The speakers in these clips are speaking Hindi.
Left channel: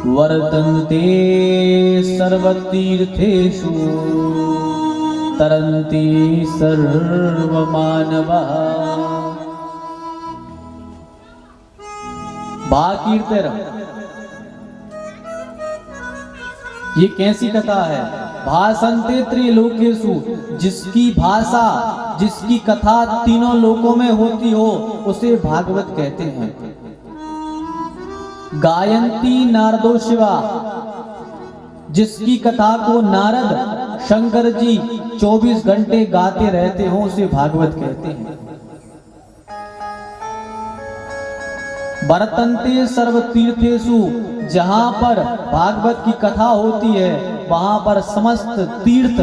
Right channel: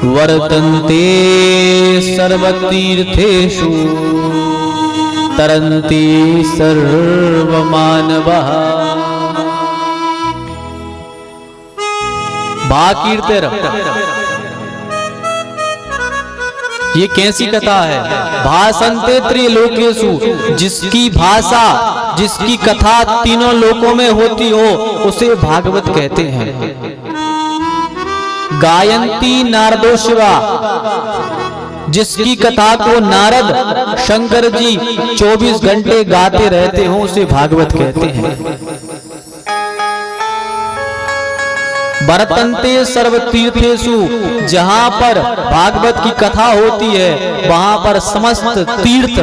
वर्तन्ते सर्वतीर्थेषु तरन्ति सर्वमानवः। भाकीर्तिर, ये कैसी कथा है? भाषन्ते त्रिलोकेषु, जिसकी भाषा जिसकी कथा तीनों लोकों में होती हो उसे भागवत कहते हैं। गायन्ति नारदो शिवा, जिसकी कथा को नारद शंकर जी 24 घंटे गाते रहते हो उसे भागवत कहते हैं। वर्तन्ते सर्वतीर्थेषु, जहां पर भागवत की कथा होती है वहां पर समस्त तीर्थ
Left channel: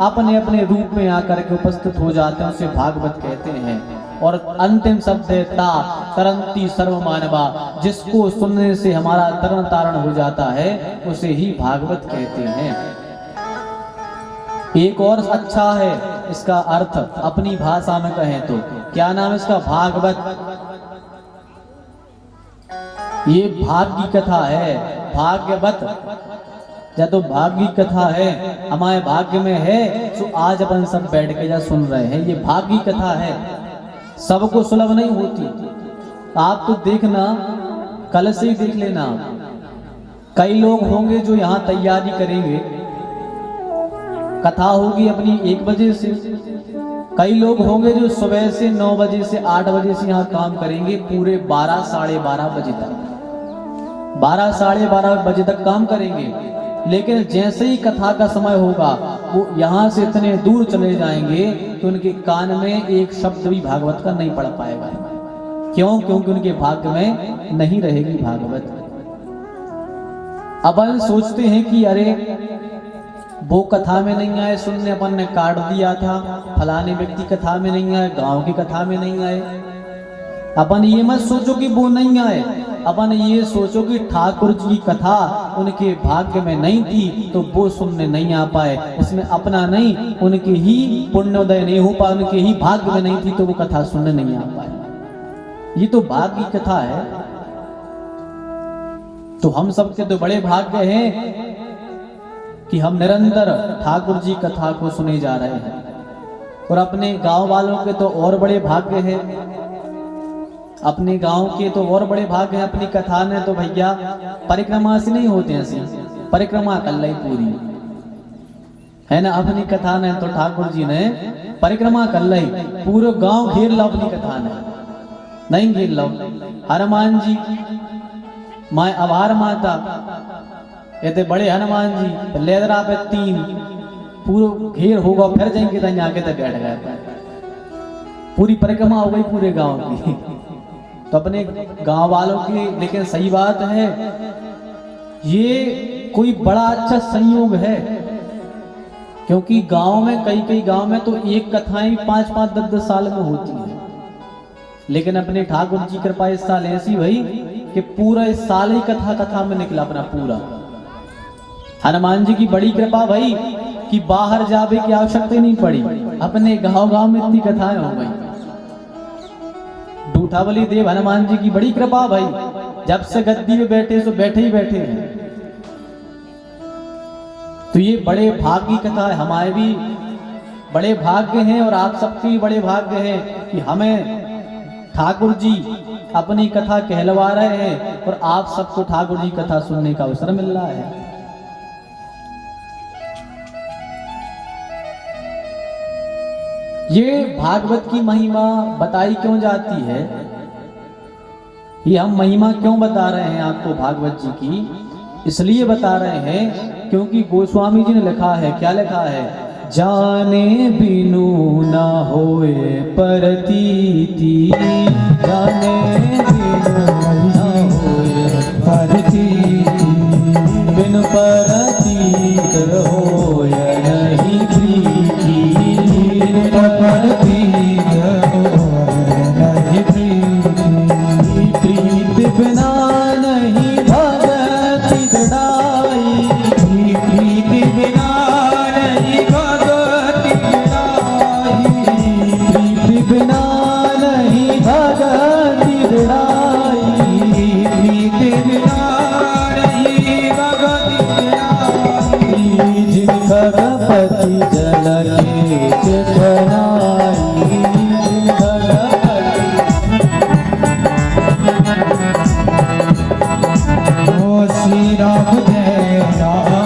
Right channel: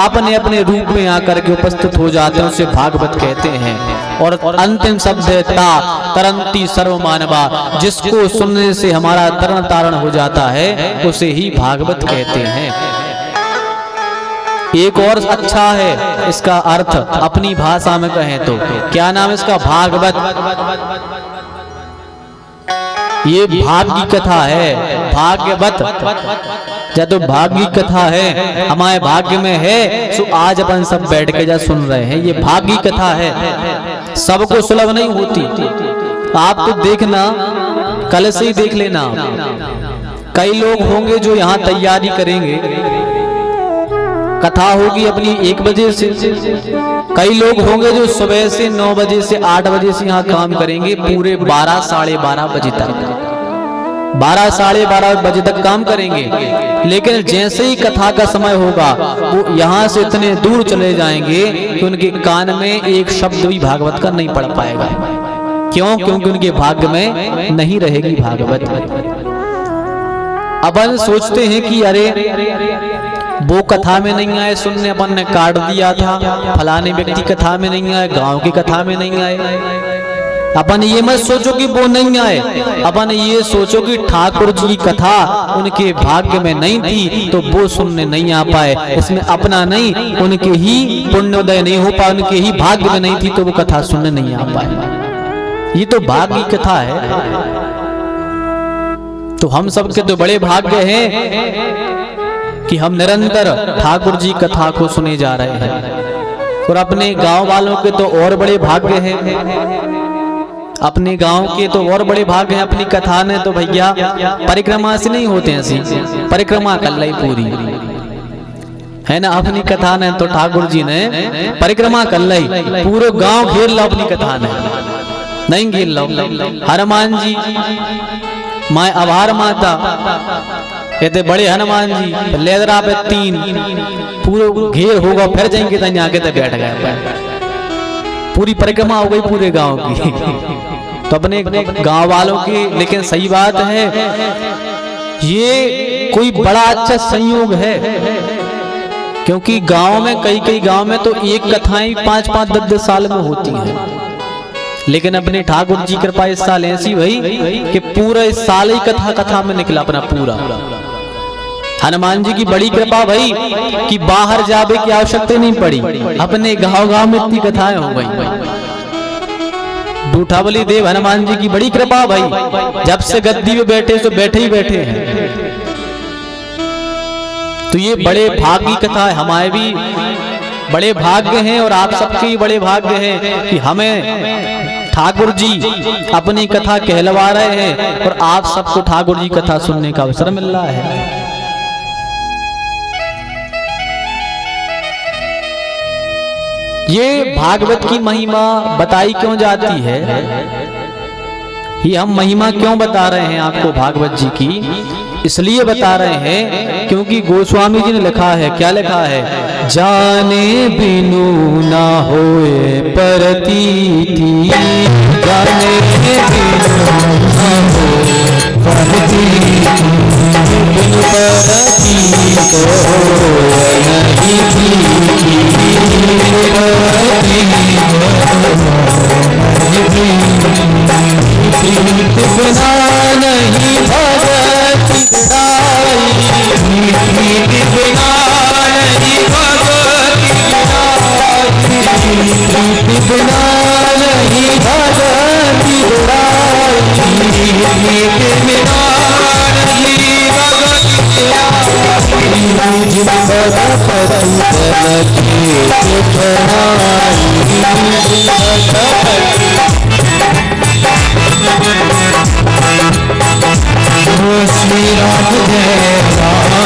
अपने अपने रूप में आकर के उपस्थित हो जाते हैं, उसे भागवत कहते हैं। और अंतिम शब्द है ता, तरंती सर्वमानवा, जिसको सुनने से हमारा तरण तारण हो जाता है उसे ही भागवत कहते हैं। एक और अच्छा है इसका अर्थ, अपनी भाषा में कहें तो क्या नाम इसका? भागवत। ये भाग की कथा है, भाग्यवत। जब तो भाग की कथा है, हमारे भाग्य में है, सो आज अपन सब बैठ के जा सुन रहे हैं। ये भाग की कथा है, सबको सुलभ नहीं होती। आप तो देखना, कल से ही देख लेना, कई लोग होंगे जो यहाँ तैयारी करेंगे, कथा होगी अपनी 1 बजे से। कई लोग होंगे जो सुबह से 9 बजे से 8 बजे से यहाँ काम करेंगे, पूरे 12 साढ़े 12 बजे तक, 12 साढ़े 12 बजे तक काम करेंगे। लेकिन जैसे ही कथा का समय होगा वो यहाँ से इतने दूर चले जाएंगे कि उनके कान में एक शब्द भी भागवत का नहीं पड़ पाएगा। क्यों? क्योंकि उनके भाग्य में नहीं रहेगी भागवत। अपन सोचते हैं कि अरे वो कथा में नहीं आए सुनने, अपन ने काट दिया था, फलाने व्यक्ति कथा में नहीं आए, गांव की कथा में नहीं आए। अपन ये मत सोचो कि वो नहीं आए, अपन ये सोचो कि ठाकुर जी की कथा उनके भाग्य में नहीं थी तो वो सुनने नहीं आ पाए। इसमें अपना नहीं, उनके ही पुण्योदय नहीं हो पाए, उनके ही भाग्य में नहीं थी तो वो कथा सुनने नहीं आ पाए। ये तो भाग्य की कथा है। तो हम सबके तो बड़े भाग्य हैं कि हम निरंतर ठाकुर जी कथा को सुने जा रहे हैं। और अपने गांव वालों के तो और बड़े भाग्य हैं, अपने गांव के तो और बड़े भाग्य हैं। अपनी कथा ने तो भैया परिक्रमा से नहीं होते हैं, परिक्रमा कर ली पूरी है ना। अपनी कथा ने तो ठाकुर जी ने परिक्रमा कर ली, पूरे गांव घेर लो अपनी कथा ने, नहीं घेर लो। हनुमान जी, माँ आभार माता कहते बड़े हनुमान जी लेदरा पे 3 पूरे घेर होगा, फिर जाएंगे तो आगे तक बैठ गए, पूरी परिक्रमा हो गई पूरे गांव की। तो अपने गांव वालों की, लेकिन सही बात है ये कोई बड़ा अच्छा संयोग है, क्योंकि गांव में कई गांव में तो एक कथाएं 5-5 10-10 साल में होती हैं। लेकिन अपने ठाकुर जी कृपा इस साल ऐसी हुई कि पूरा इस साल ही कथा में निकला अपना पूरा। हनुमान जी की बड़ी कृपा भाई कि बाहर जाने की आवश्यकता नहीं पड़ी, अपने गांव में इतनी कथाएं हो गई। बूठावली देव हनुमान जी की बड़ी कृपा भाई, जब से गद्दी में बैठे तो बैठे ही बैठे हैं। तो ये बड़े भाग्य की कथा है, हमारे भी बड़े भाग्य हैं और आप सबके बड़े भाग्य हैं कि हमें ठाकुर जी अपनी कथा कहलवा रहे हैं और आप सबको ठाकुर जी कथा सुनने का अवसर मिल रहा है। ये भागवत की महिमा बताई क्यों जाती है, ये हम महिमा क्यों बता रहे हैं आपको भागवत जी की? इसलिए बता रहे हैं क्योंकि गोस्वामी जी ने लिखा है, क्या लिखा है? जाने बिनु ना होए प्रतीति, जाने बिनु ना होए प्रतीति, बिनु प्रतीति नहीं थी, बिनु प्रतीति बिना नहीं भगति गुणाई, बिना नहीं भगति गुणाई, बिना नहीं भगति गुणाई, बिना गणपति गणपति श्री राम जय राम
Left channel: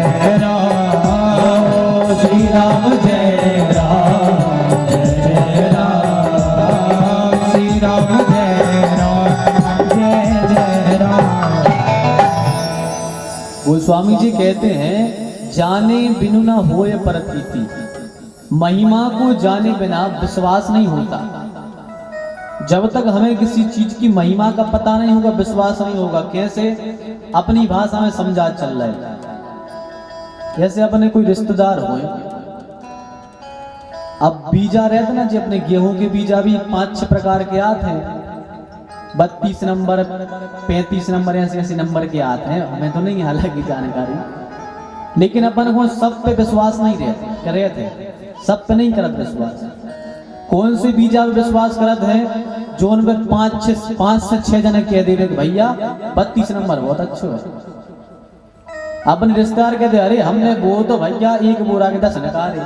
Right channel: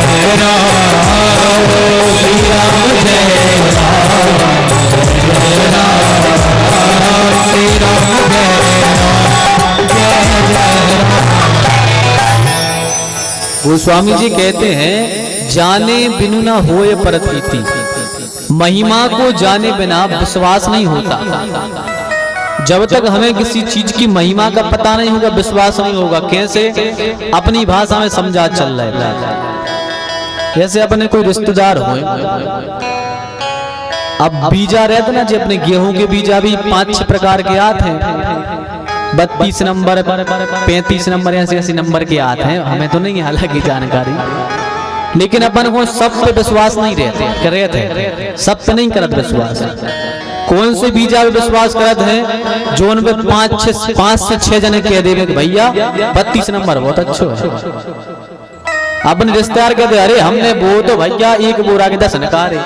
जय राम श्री राम जय राम जय राम श्री राम जय राम जय जय राम। गोस्वामी जी कहते हैं जाने बिनु ना होए परप्रीति, महिमा को जाने बिना विश्वास नहीं होता। जब तक हमें किसी चीज की महिमा का पता नहीं होगा विश्वास नहीं होगा। कैसे? अपनी भाषा में समझा चल रहा है। कैसे अपने कोई रिश्तेदार हो, अब बीजा रहते ना जी, अपने गेहूं के बीजा भी 5-6 प्रकार के आते हैं, 32 नंबर 35 नंबर ऐसे नंबर के आते हैं। हमें तो नहीं हालांकि जानकारी, लेकिन अपन को सब पे विश्वास नहीं रहते, सब पे नहीं करत विश्वास। कौन से बीजा पे विश्वास करत है? जो उन पे 5 से 6 जने कह देवे भैया 32 नंबर बहुत अच्छो है। अपने रिश्तेदार कहते अरे हमने वो तो भैया 1 बोरा के 10 नकारे।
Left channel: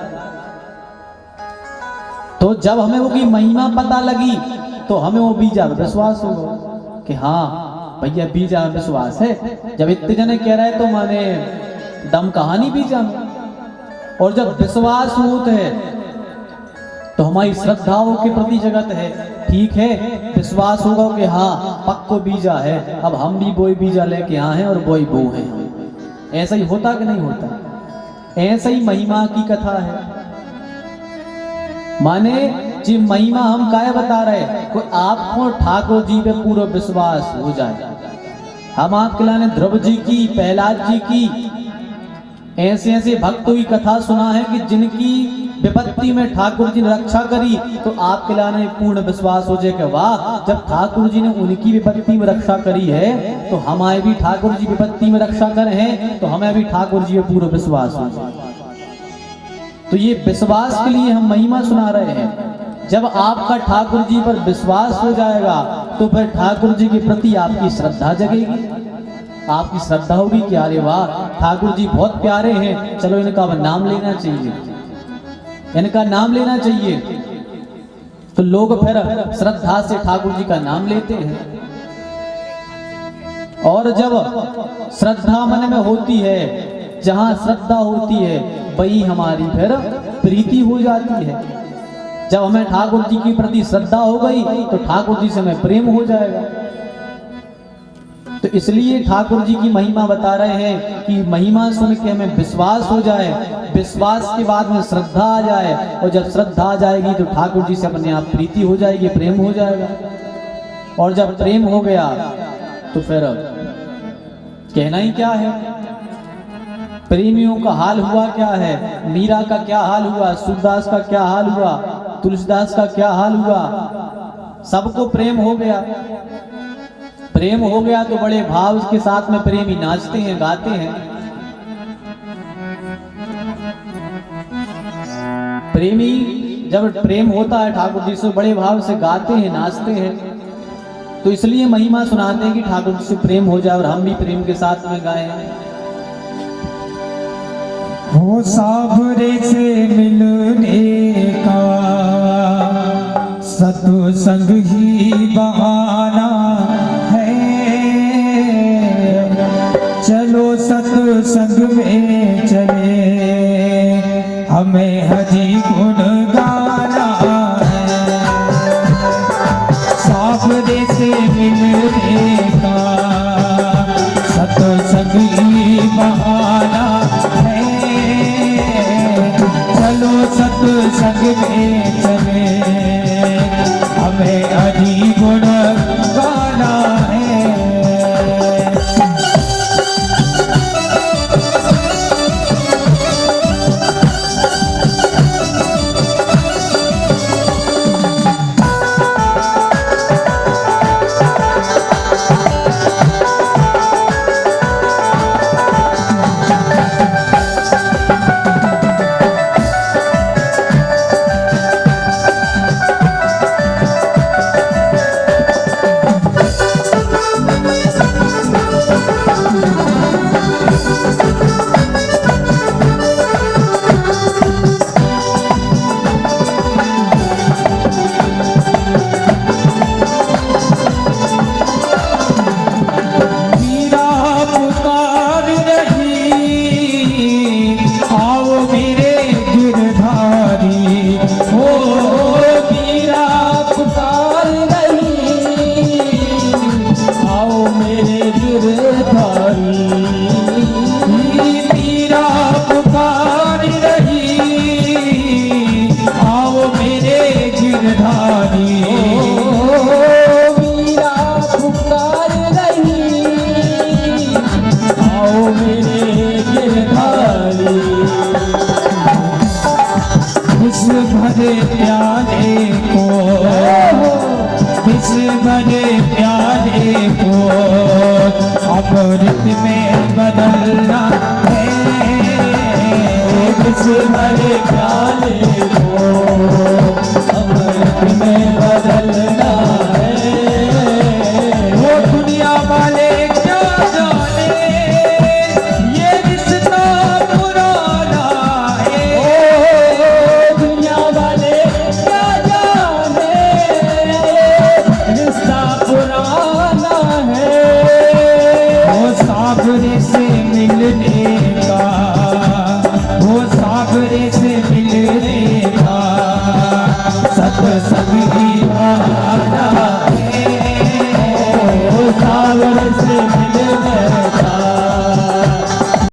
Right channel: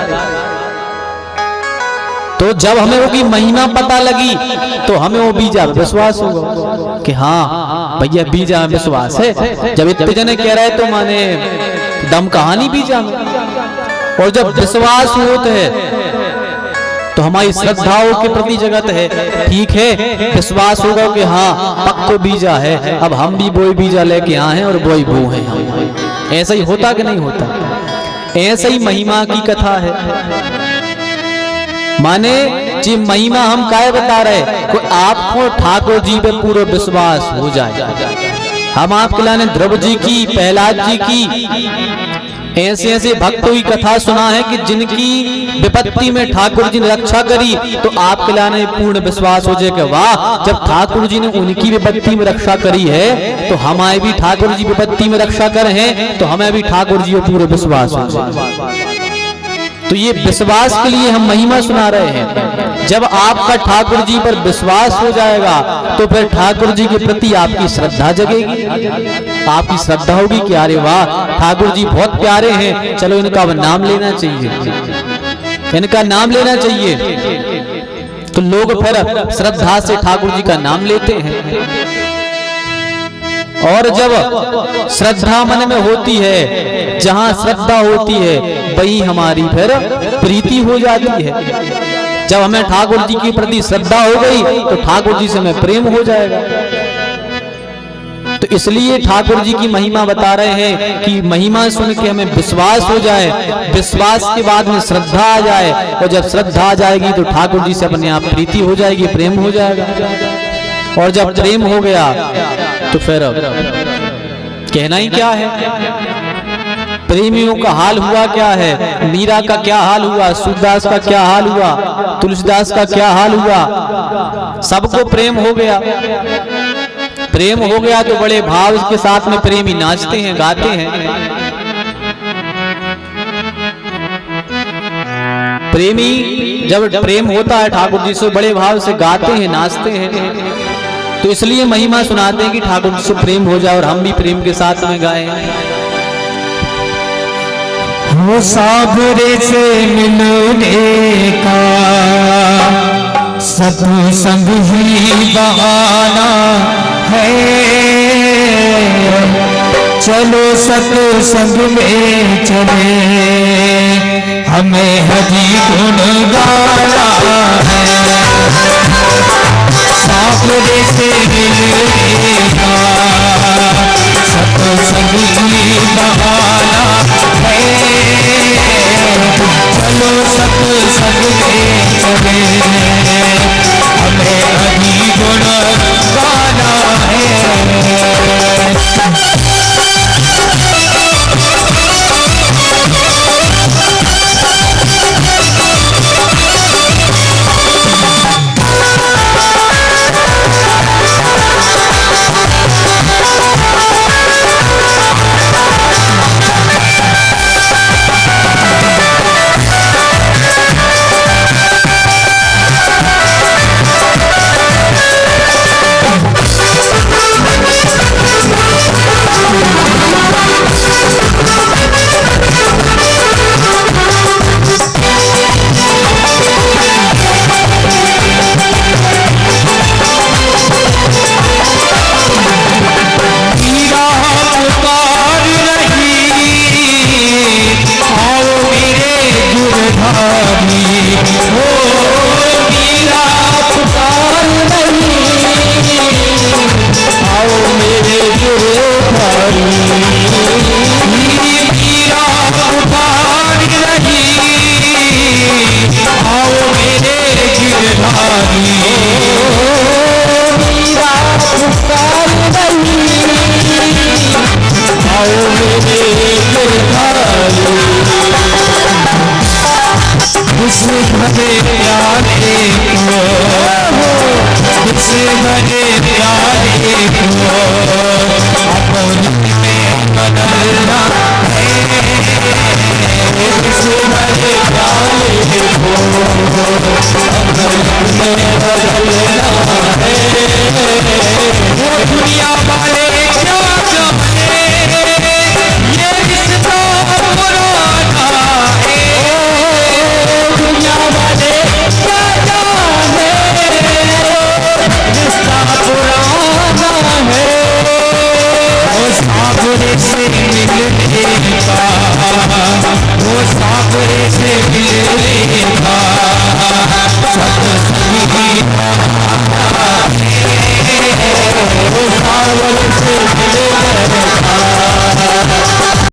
तो जब हमें वो की महिमा पता लगी तो हमें वो बीजा पे विश्वास होगा कि हाँ भैया बीजा में विश्वास है। जब इतने जने कह रहे तो माने दम कहानी बीजा में। और जब विश्वास होते है तो हमारी श्रद्धाओं के प्रति जगत है, ठीक है, विश्वास होगा कि हाँ पक्को बीजा है, अब हम भी वही बीजा लेके आए हैं और वही बो हैं। ऐसा ही होता कि नहीं होता? ऐसा ही महिमा की कथा है। माने जी महिमा हम काय बता रहे, कोई आपको ठाकुर जी पे पूरा विश्वास हो जाए। हम आपके लाने ध्रुव जी की, प्रहलाद जी की, ऐसे भक्तों की कथा सुना है कि जिनकी विपत्ति में ठाकुर जी ने रक्षा करी, तो आपके लाने पूर्ण विश्वास हो जाए कि वाह, जब ठाकुर जी ने उनकी विपत्ति में रक्षा करी है तो हमारे भी ठाकुर जी विपत्ति में रक्षा करे हैं, तो हमें भी ठाकुर जी को पूरा विश्वास हो जाए। तो ये विश्वास के लिए हम महिमा सुना रहे हैं। जब आपका ठाकुर जी पर विश्वास हो जाएगा तो फिर ठाकुर जी के प्रति आपकी श्रद्धा जगेगी। आपकी श्रद्धा होगी कि अरे वाह ठाकुर जी बहुत प्यारे हैं, चलो इनका नाम लेना चाहिए, इनका नाम लेना चाहिए। तो लोग फिर श्रद्धा से ठाकुर जी का नाम लेते हैं। और जब श्रद्धा मन में होती है, जहां श्रद्धा होती है वही हमारी फिर प्रीति हो जाती है। जब हमें ठाकुर जी के प्रति श्रद्धा हो गई तो ठाकुर जी से हमें प्रेम हो जाएगा। तो इसलिए ठाकुर जी की महिमा बता रहे हैं कि महिमा सुन के हमें विश्वास हो जाए, विश्वास के बाद में श्रद्धा आ जाए, और जब श्रद्धा आ जाएगी तो ठाकुर जी से अपने आप प्रीति हो जाएगी, प्रेम हो जाएगा। और जब प्रेम हो गया तो फिर कहना ही क्या है। प्रेमियों का हाल हुआ क्या है, मीरा का क्या हाल हुआ, सूरदास का क्या हाल हुआ, तुलसीदास का क्या हाल हुआ। सबको प्रेम हो गया। प्रेम हो गया तो बड़े भाव के साथ में प्रेमी नाचते हैं, गाते हैं। प्रेमी जब प्रेम होता है ठाकुर जी से बड़े भाव से गाते हैं, नाचते हैं। तो इसलिए महिमा सुनाते हैं कि ठाकुर से प्रेम हो जाए और हम भी प्रेम के साथ में गाएं। हो साबरे से मिलने का सत्संग ही बहाना है, चलो सत्संग में चले, हमें हरि गुण गाना है। साबरे से मिलने का सत्संग ही बहाना है, चलो सत्संग में चले, हमें हरि गुण गाना है। रे